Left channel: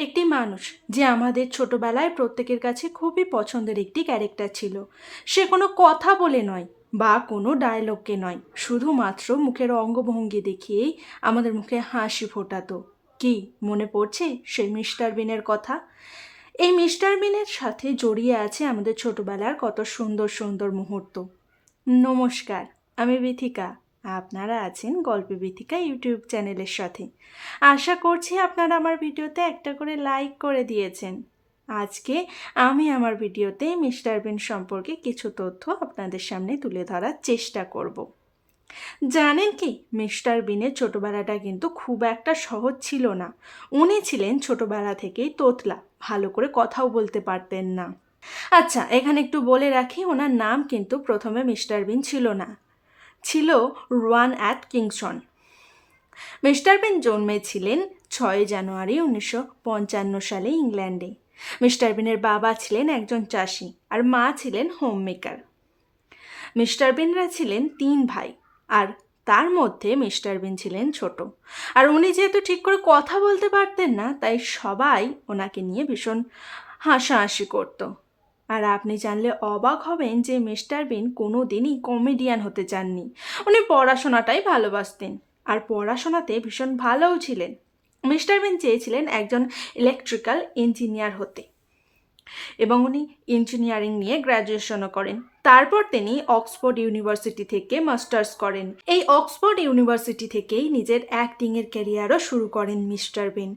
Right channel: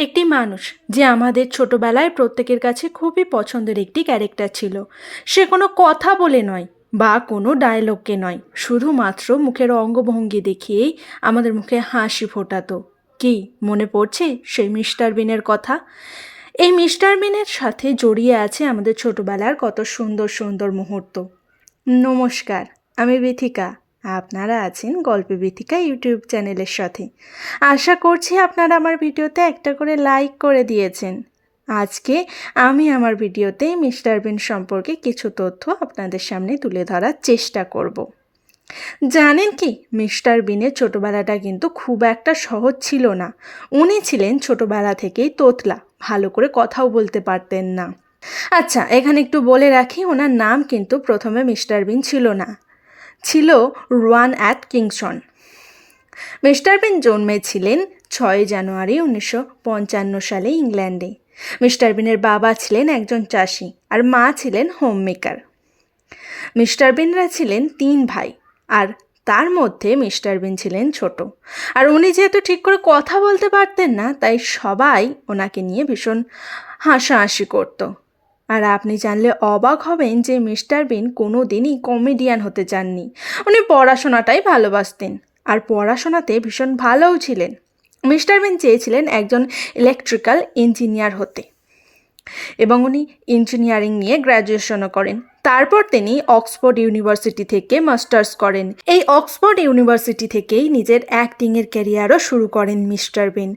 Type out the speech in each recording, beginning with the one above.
একটি মানুষ যে আমাদের ছোটবেলায় প্রত্যেকের কাছে খুবই পছন্দের একটি ক্যারেক্টার ছিল। সে কোনো কথা বলে নয় বা কোনো ডায়লগকে নয়, শুধুমাত্র মুখের অঙ্গভঙ্গি দেখিয়েই আমাদের মুখে হাসি ফোটাতো। কি মনে পড়ছে সেই মিস্টার বিনের কথা? এই মিস্টার বিনের সাথে জড়িয়ে আছে আমাদের ছোটবেলার কত সুন্দর সুন্দর মুহূর্ত। নমস্কার, আমি বিথিকা। আপনারা আছেন গল্পে বিথিকা ইউটিউব চ্যানেলের সাথে। আশা করছি আপনারা আমার ভিডিওতে একটা করে লাইক করে দিয়েছেন। আজকে আমি আমার ভিডিওতে মিস্টার বিন সম্পর্কে কিছু তথ্য আপনাদের সামনে তুলে ধরার চেষ্টা করব। জানেন কি, মিস্টার বিনের ছোটোবেলাটা কিন্তু খুব একটা সহজ ছিল না। উনি ছিলেন ছোটোবেলা থেকেই তোতলা, ভালো করে কথাও বলতে পারতেন না। আচ্ছা এখানে একটু বলে রাখি, ওনার নাম কিন্তু প্রথমে মিস্টার বিন ছিল না। ছিল Rowan Atkinson. Mister Bean জন্মেছিলেন ছয় জানুয়ারি উনিশশো পঞ্চান্ন সালে ইংল্যান্ডে। মিস্টার বিনের বাবা ছিলেন একজন চাষি আর মা ছিলেন হোম মেকার মিস্টার বিনরা ছিলেন তিন ভাই আর তার মধ্যে মিস্টার বিন ছিলেন ছোট। আর উনি যেহেতু ঠিক করে কথা বলতে পারতেন না, তাই সবাই ওনাকে নিয়ে ভীষণ হাসাহাসি করতো। আর আপনি জানলে অবাক হবেন যে মিস্টার বিন কোনো দিনই কমেডিয়ান হতে চাননি। উনি পড়াশোনাটাই ভালোবাসতেন আর পড়াশোনাতে ভীষণ ভালোও ছিলেন। মিস্টার বিন চেয়েছিলেন একজন ইলেকট্রিক্যাল ইঞ্জিনিয়ার হতে এবং উনি ইঞ্জিনিয়ারিং নিয়ে গ্র্যাজুয়েশনও করেন। তারপর তিনি অক্সফোর্ড ইউনিভার্সিটি থেকে মাস্টার্স করেন। এই অক্সফোর্ড ইউনিভার্সিটি থেকেই নিজের অ্যাক্টিংয়ের ক্যারিয়ারও শুরু করেন মিস্টার বিন।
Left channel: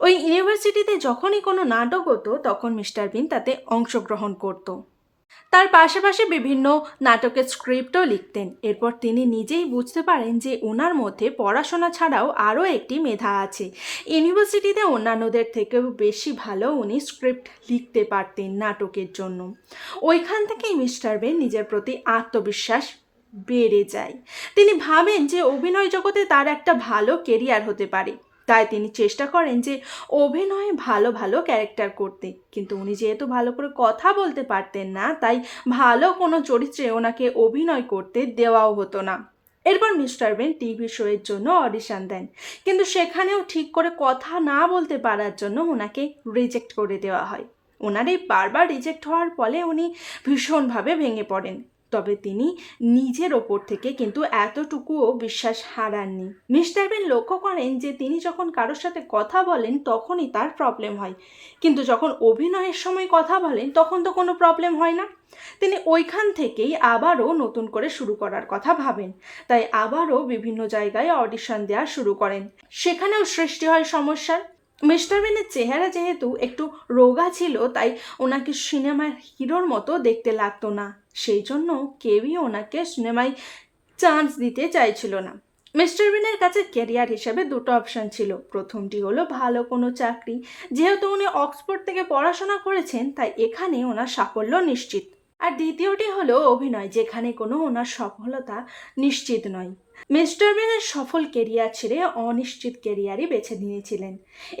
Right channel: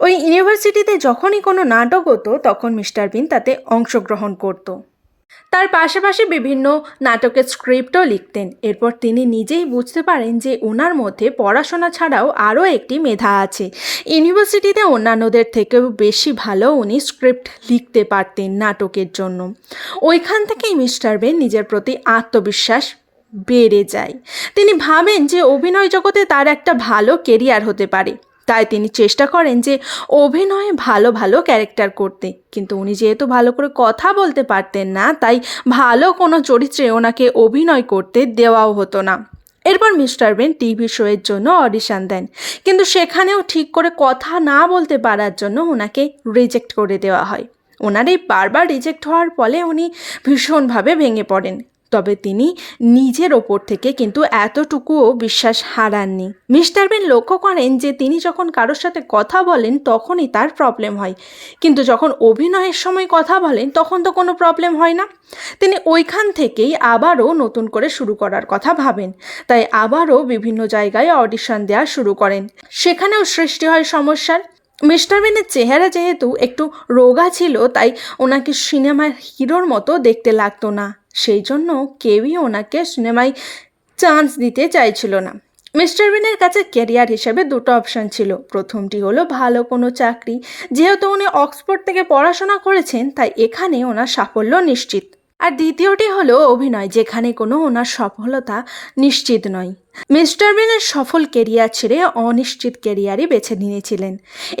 ওই ইউনিভার্সিটিতে যখনই কোনো নাটক হতো, তখন মিস্টার বিন তাতে অংশগ্রহণ করতো। তার পাশাপাশি বিভিন্ন নাটকের স্ক্রিপ্টও লিখতেন। এরপর তিনি নিজেই বুঝতে পারেন যে ওনার মধ্যে পড়াশোনা ছাড়াও আরও একটি মেধা আছে। ইউনিভার্সিটিতে অন্যান্যদের থেকেও বেশি ভালো উনি স্ক্রিপ্ট লিখতে পারতেন নাটকের জন্য। ওইখান থেকেই মিস্টার বেন নিজের প্রতি আত্মবিশ্বাস বেড়ে যায়। তিনি ভাবেন যে অভিনয় জগতে তার একটা ভালো কেরিয়ার হতে পারে। তাই তিনি চেষ্টা করেন যে অভিনয়ে ভালো ভালো ক্যারেক্টার করতে। কিন্তু উনি যেহেতু ভালো করে কথা বলতে পারতেন না, তাই ভালো কোনো চরিত্রে ওনাকে অভিনয় করতে দেওয়াও হতো না। এরপর মিস্টার বেন টিভি শোয়ের জন্য অডিশন দেন। কিন্তু সেখানেও ঠিক করে কথা না বলতে পারার জন্য ওনাকে রিজেক্ট করে দেওয়া হয়। ওনার এই বারবার রিজেক্ট হওয়ার ফলে উনি ভীষণভাবে ভেঙে পড়েন। তবে তিনি নিজের ওপর থেকে কিন্তু এতটুকুও বিশ্বাস হারাননি। মিস্টার বেন লক্ষ্য করেন যে তিনি যখন কারোর সাথে কথা বলেন, তখনই তার প্রবলেম হয়। কিন্তু যখন অভিনয়ের সময় কথা বলেন, তখন তো কোনো প্রবলেম হয় না। তিনি ওইখান থেকেই আবারও নতুন করে শুরু করার কথা ভাবেন। তাই আবারও বিভিন্ন জায়গায় অডিশন দেওয়া শুরু করেন। সেখানেও সৃষ্টি হয় সমস্যার। মিস্টার বেনের চেহারা যেহেতু একটু রোগা ছিল, তাই ওনাকে সিনেমার হিরোর মতো দেখতে লাগতো না। সেই জন্য কেউই ওনাকে সিনেমায় চান্স দিতে চাইছিল না। মিস্টার বিনের কাছে ক্যারিয়ার হিসেবে দুটো অপশান ছিল। প্রথমটি হলো ভালো কোনো চাকরি। যেহেতু উনি অক্সফোর্ড থেকে পড়াশোনা করেছেন, তাই এখানে ওনার সাফল্য নিশ্চিত। আর দ্বিতীয়টি হলো অভিনয়, যেখানে কোনো ওনার সফলতা নিশ্চিত নয়। মিস্টার বিনের সফল কেরিয়ার ছেড়ে অনিশ্চিত কেরিয়ারই বেছে নিয়েছিলেন।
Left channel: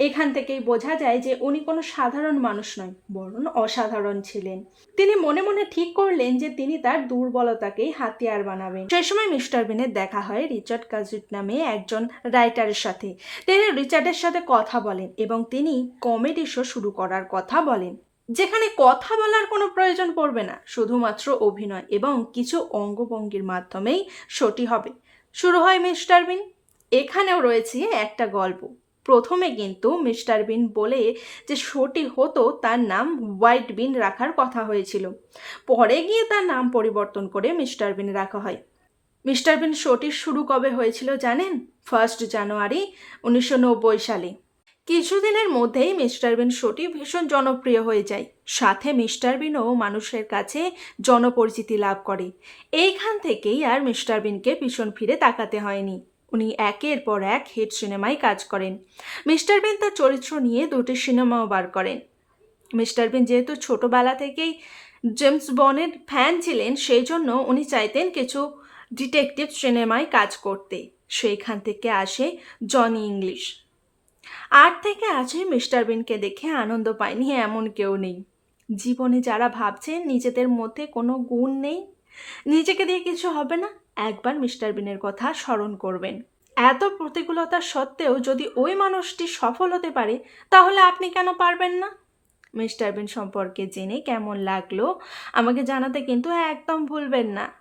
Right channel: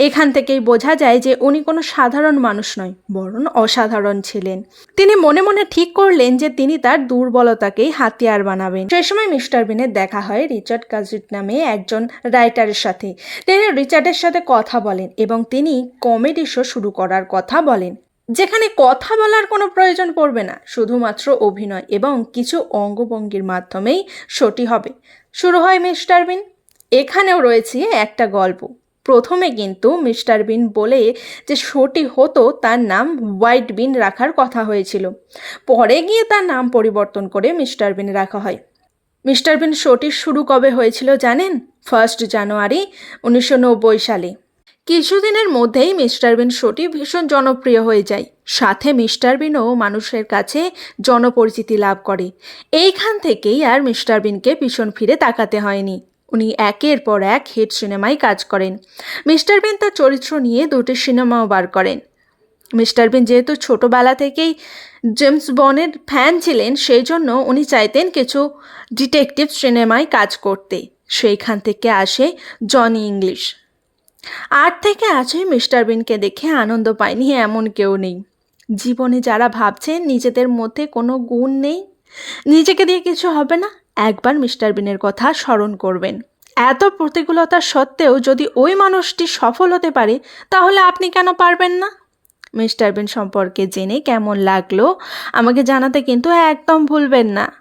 এখান থেকেই বোঝা যায় যে উনি কোনো সাধারণ মানুষ নয়, বরং অসাধারণ ছিলেন। তিনি মনে মনে ঠিক করলেন যে তিনি তার দুর্বলতাকেই হাতিয়ার বানাবেন। সে সময় মিস্টার বিনের দেখা হয় রিচার্ড কাজিট নামে একজন রাইটারের সাথে। তিনি রিচার্ডের সাথে কথা বলেন এবং তিনি কমেডি শো শুরু করার কথা বলেন। যেখানে কথা বলার কোনো প্রয়োজন পড়বে না, শুধুমাত্র অভিনয় এবং কিছু অঙ্গভঙ্গির মাধ্যমেই শোটি হবে। শুরু হয় মিস্টার বিন। এখানেও রয়েছে একটা গল্প। প্রথমে কিন্তু মিস্টার বিন বলে যে শোটি হতো তার নাম হোয়াইট বিন রাখার কথা হয়েছিল। পরে গিয়ে তার নাম পরিবর্তন করে মিস্টার বিন রাখা হয়। মিস্টার বিন শোটি শুরু কবে হয়েছিল জানেন? ফার্স্ট জানুয়ারি উনিশশো নব্বই সালে। কিছুদিনের মধ্যেই মিস্টার বিন শোটি ভীষণ জনপ্রিয় হয়ে যায়। সাথে মিস্টার বিনও মানুষের কাছে জনপরিচিতি লাভ করে। এইখান থেকেই আর মিস্টার বিনকে পিছন ফিরে তাকাতে হয়নি। উনি একের পর এক হিট সিনেমায় কাজ করেন। মিস্টার বিন তার চরিত্র নিয়ে দুটি সিনেমাও বার করেন। মিস্টার বিন যেহেতু ছোটোবেলা থেকেই জেমস বনের ফ্যান ছিলেন, সেই জন্য উনি চাইতেন কিছু ডিটেকটিভ সিনেমায় কাজ করতে। সেইখান থেকে আসে জনি ইংলিশ। আট থেকে আজই মিস্টার বিনকে দেখে আনন্দ পায়নি এমন কেউ নেই। জীবনে যারা ভাবছেন নিজেদের মধ্যে কোনো গুণ নেই, নিজেকে দিয়ে কিছু হবে না, একবার মিস্টার বিনের কথা স্মরণ করবেন। এত প্রতিকূলতা সত্ত্বেও যদি ওই মানুষটি সফল হতে পারে, তাহলে আপনি কেন পারবেন না? মিস্টার বিন সম্পর্কে জেনে কেমন লাগল, আমাকে জানাতে কিন্তু একদম ভুলবেন না।